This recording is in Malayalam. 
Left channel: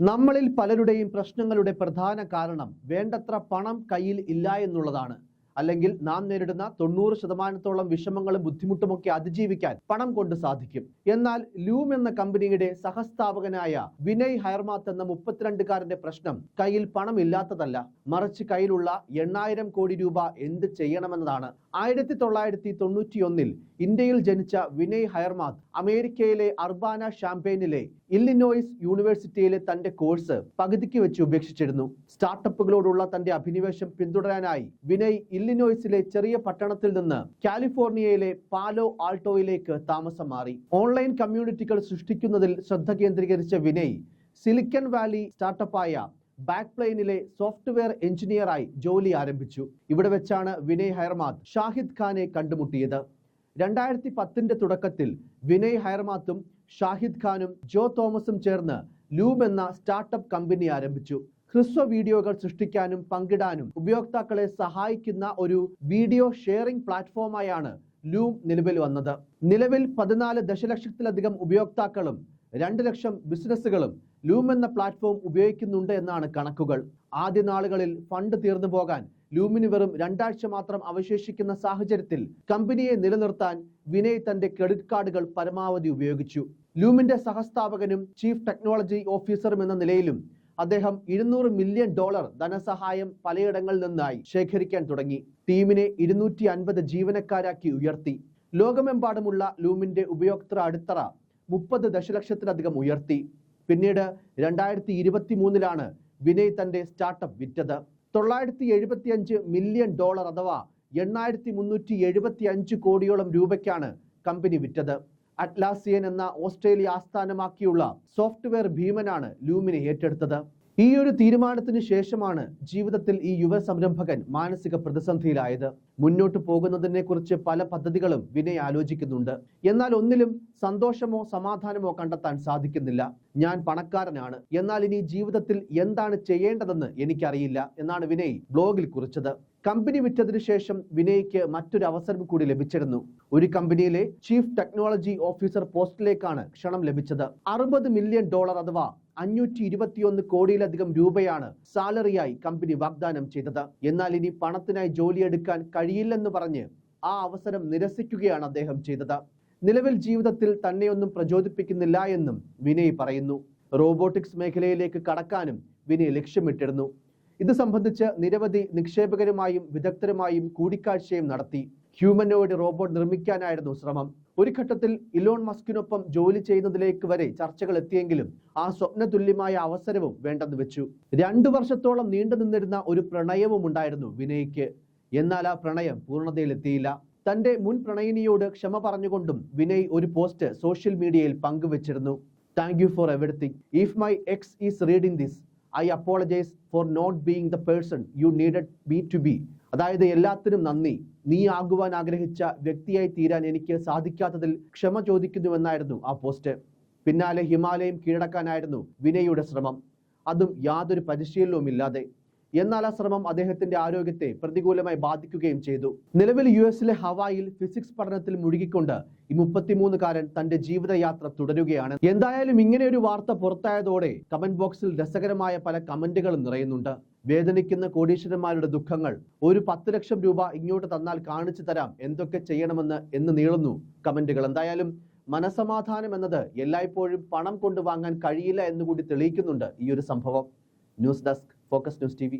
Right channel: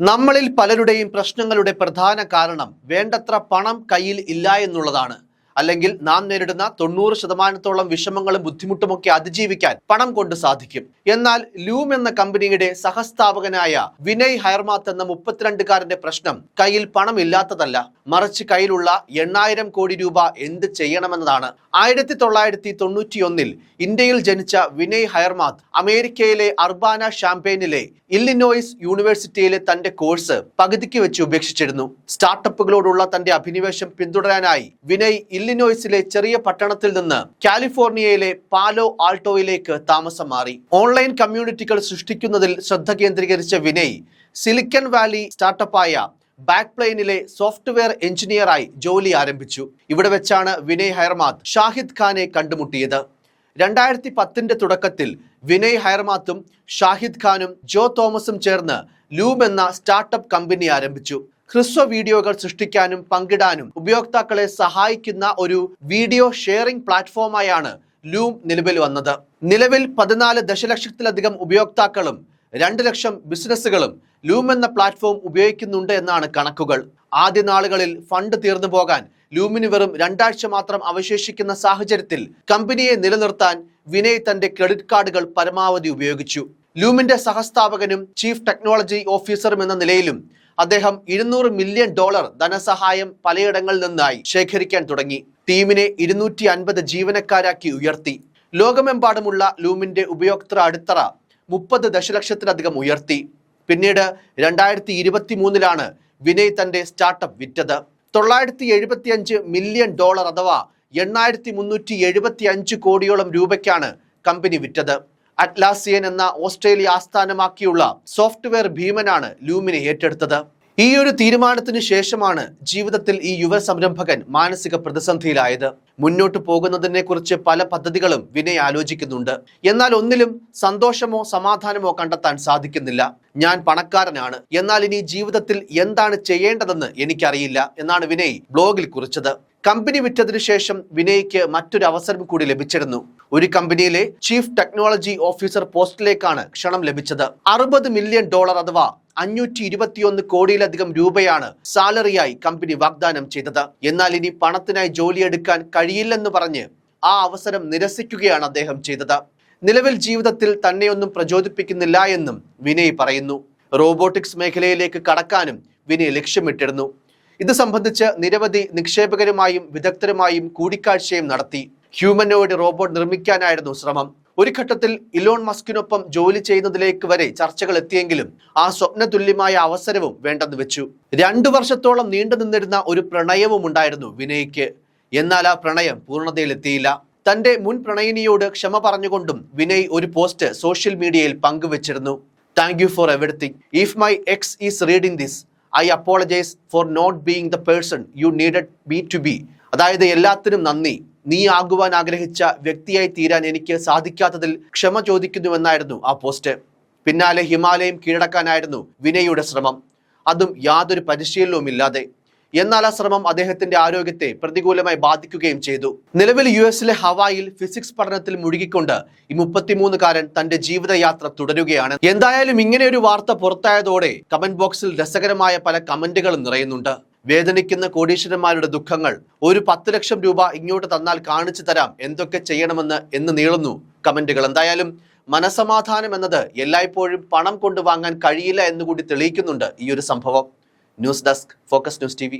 നമ്മളിൽ പലരുടെയും പ്രശ്നങ്ങളുടെ പ്രധാന കാരണം വേണ്ടത്ര പണം കയ്യിൽ ഇല്ല എന്നുള്ളതാണ്. അല്ലെങ്കിൽ നാം നേരിടുന്ന 90% വിഷമങ്ങളും ബുദ്ധിമുട്ടുമൊക്കെ അതിജീവിക്കാൻ പണം കൊണ്ട് സാധിക്കും. എന്നാൽ ലൂം എന്ന കമ്പനിയുടെ സഹസ്ഥാപകനായ വിനയ് ഹയർമാത്ത് എന്ന 32കാരന്റെ പ്രശ്നം കയ്യിൽ പണമില്ലാത്തതല്ല, മറിച്ച് കയ്യിലുള്ള 8000 കോടി രൂപ എന്ത് ചെയ്യണമെന്നതാണ്. 1991 ഇന്ത്യയിൽ ജനിച്ച വിനയ് ഹയർമാത്ത് അമേരിക്കയിലെ അർബാന ഷാംപെയിനിലെ ഇല്ലിനോയ്സ് യൂണിവേഴ്സിറ്റിയിലെ തന്റെ കോഴ്സ് പകുതിക്ക് വെച്ച് ഉപേക്ഷിച്ചിരുന്നു. സ്റ്റാർട്ടപ്പുകളോടുള്ള തന്റെ അഭിനിവേശം പിന്തുടരാനായി വിനയ് ഇല്ലിനോയ്സിലെ ചെറിയ പട്ടണത്തിൽ നിന്ന് കാലിഫോർണിയയിലെ പാലോ ആൾട്ടോയിലേക്ക് താമസം മാറി. ഓൺലൈൻ കമ്മ്യൂണിറ്റികൾ സൃഷ്ടിക്കുന്നതിൽ ശ്രദ്ധ കേന്ദ്രീകരിച്ച വിനയ് സിലിക്കൺ വാലി സ്റ്റാർട്ടപ്പായ ബാക്ക്പ്ലെയിനിലെ സോഫ്റ്റ്വെയർ എഞ്ചിനീയറായി ജോലി ആരംഭിച്ചു. ഇവിടെ വെച്ചാണ് വിനയ് ഹയർമാത്ത് ഷാഹിദ് ഖാനെ കണ്ടുമുട്ടിയത്. 2010 തുടക്കത്തിൽ വിനയ് ഹയർമാത്തും ഷാഹിദ് ഖാനും ജോ തോമസും ചേർന്ന് ലൂം എന്ന സ്റ്റാർട്ടപ്പ് കമ്പനി ആരംഭിച്ചു. ഹ്രസ്വ വീഡിയോകൾ സൃഷ്ടിക്കാനും പങ്കിടാനും ഉപയോക്താക്കളെ സഹായിക്കുന്ന ഒരു വീഡിയോ ഷെയറിംഗ് പ്ലാറ്റ്ഫോമായാണ് ലൂം നിലവിൽ വന്നത്. നിലവിൽ 14 ദശലക്ഷത്തിലധികം ഉപയോക്താക്കളും 2 ലക്ഷം ബിസിനസ്സുകളും ലൂം എന്ന പ്ലാറ്റ്ഫോം ഉപയോഗിക്കുന്നുണ്ട് എന്നാണ് കണക്കുകൾ. ആദ്യ നാളുകളിൽ ഫണ്ട് തീർന്നു പോകാൻ ലൂമിന് വെറും 2 ആഴ്ച മാത്രം അവശേഷിക്കുന്ന സാഹചര്യത്തിൽ കമ്പനിയെ നിലനിർത്താൻ വിനയ് തന്റെ ക്രെഡിറ്റ് കാർഡുകൾ പരമാവധി ഉപയോഗിച്ചു. ലൂമിന്റെ സഹസ്ഥാപകനും ചീഫ് ടെക്നോളജി ഓഫീസറും എന്ന നിലയിലും അദ്ദേഹം $200 മില്യൺ ധനസഹായം പലയിടങ്ങളിൽ നിന്നായി ശേഖരിക്കാൻ തുടങ്ങി. ടീമിനെ 250 ജീവനക്കാരാക്കി ഉയർത്തി. ലോകമെമ്പാടുമുള്ള ലൂമിന്റെ ഉപയോക്തൃ അടിത്തറ 30 ദശലക്ഷത്തിലധികം ഉയർത്തി. പിന്നീട് 2023 വിനയ് തന്റെ സ്റ്റാർട്ടപ്പ് വിറ്റത്. $975 മില്യൺ അഥവാ 8375 കോടിയോളം രൂപയ്ക്കാണ് കമ്പനി വിറ്റത്. അറ്റ്ലാസിയൻ എന്ന ഓസ്ട്രേലിയ ആസ്ഥാനമാക്കിയുള്ള സോഫ്റ്റ്വെയർ ഭീമനാണ് ലൂമിനെ ഏറ്റെടുത്തത്. ഈ ഒരു തീരുമാനത്തിന് ശേഷമാണ് ജീവിതത്തിൽ ഈ യുവ സംരംഭകൻ മാനസിക പ്രതിസന്ധിയിലായത്. മുന്നോട്ട് പോകുന്നതിനെ കുറിച്ച് പല പദ്ധതികളും വിനയ് ആലോചിക്കുന്നുണ്ട്. എന്നാൽ ഒന്നിലും സന്തോഷമോ സമാധാനമോ കണ്ടെത്താൻ സാധിക്കുന്നില്ല. ഞാൻ പണക്കാരനാണ്, എന്നാൽ ഇനി ജീവിതത്തിൽ എന്താണ് ചെയ്യേണ്ടതെന്ന് എനിക്കറിയില്ല എന്നാണ് വിനയ് ബ്ലോഗിൽ കുറിച്ചത്. കമ്പനി വിറ്റതിനു ശേഷം വിനയ്ക്ക് മറ്റൊരു അവസരം കൂടി ലഭിച്ചിരുന്നു. ഒരു കമ്പനിയിലെ ചീഫ് ടെക്നോളജി ഓഫീസർ പോസ്റ്റിലേക്കാണ് ക്ഷണം ലഭിച്ചത്. $60 മില്യൺ അഥവാ 521 കോടിയിലധികം രൂപയാണ് സാലറിയായി കമ്പനി വാഗ്ദാനം ചെയ്തത്. എന്നാൽ ഇനി പണത്തിനായി ജോലിയെടുക്കാൻ കഴിയില്ലെന്ന് പറഞ്ഞ് ആ അവസരം നിരസിക്കുകയാണ് അദ്ദേഹം ചെയ്തത്. നിലവിൽ ജീവിതത്തിൽ തന്നെയൊന്നും പ്രചോദിപ്പിക്കുന്നില്ല എന്നും വിനയ് പറയുന്നു. റോബോട്ടിക്സ് മേഖലയിലേക്ക് കടക്കാനും വിനയ് ലക്ഷ്യമിട്ടിരുന്നു. ഇത് സംബന്ധിച്ച് നിരവധി നിക്ഷേപകരുമായും വിദഗ്ധരുമായും കൂടിക്കാഴ്ചയും നടത്തി. ഹ്യൂമനോയിഡ് റോബോട്ട് നിർമ്മിക്കാനായിരുന്നു ശ്രമം. ഒരു ഘട്ടത്തിൽ ഇലോൺ മസ്കിനൊപ്പം ജോലി ചെയ്യുന്നതിലേക്ക് വരെ ചർച്ചകൾ എത്തിയെങ്കിലും ആ സ്വപ്നതുല്യമായ അവസരവും വേണ്ടെന്ന് വെച്ചു. 2 വർഷത്തോളം നീണ്ടു നിന്നിരുന്ന ഒരു പ്രണയവും ഉണ്ടായിരുന്നു വിനയ്ക്ക്. എന്നാൽ ആ പ്രണയം പൂർണ്ണതയിലെത്തിയില്ല. തന്റെ മുൻ പ്രണയിനിയോട് ക്ഷമ പറഞ്ഞുകൊണ്ടും വിനയ് ഒരു പോസ്റ്റ് സോഷ്യൽ മീഡിയയിൽ പങ്കുവച്ചിരുന്നു. Thank you for everything. If my ex is reading this, I apologise for not being the person you needed me to be. അതായത് എല്ലാത്തിനും നന്ദി, നീ ആകുവാൻ ആഗ്രഹിച്ച വ്യക്തിയായി തീരാൻ എനിക്ക് സാധിക്കാത്തതിൽ ക്ഷമ ചോദിക്കുന്നുവെന്നായിരുന്നു ആ പോസ്റ്റ്. പിന്നാലെ ഹിമാലയം കീഴടക്കാനായിരുന്നു വിനയുടെ ശ്രമം, അതും യാതൊരു പരിശീലനവും ഇല്ലാതെ. എന്നാൽ ആ ശ്രമം അദ്ദേഹത്തിന്റെ ആരോഗ്യത്തെ പ്രതികൂലമായി ബാധിക്കുകയും ചെയ്തു. നിലവിൽ US ഹവായിൽ ഫിസിക്സ് പഠനത്തിൽ മുഴുകിക്കൊണ്ട് ഈ 33കാരൻ തന്റെ ജീവിതയാത്ര തുടരുകയാണ്. എന്തായാലും ഇങ്ങനെ ഒരു വാർത്ത പുറത്തായതോടെ കമന്റ് ബോക്സിൽ രസകരമായ പല കമന്റുകളും നിറയുന്നുണ്ട്. വേദനിക്കുന്ന കോടീശ്വരന്മാരുടെ ദുഃഖങ്ങൾ, ഒരു 10 ലക്ഷം രൂപ ഇങ്ങോട്ട് തന്നാൽ കാണിച്ചു തരാം എന്തൊക്കെ ചെയ്യണമെന്ന് എന്ന് നീളുന്നു കമന്റുകൾ. എന്തായാലും മനസമാധാനം എന്നത് എല്ലായ്പ്പോഴും പണം കൊണ്ട് വാങ്ങാൻ കഴിയില്ല എന്നുകൂടി തെളിയിക്കുന്നുണ്ട് ഈ ഒരു സംഭവം. News desk, focus news TV.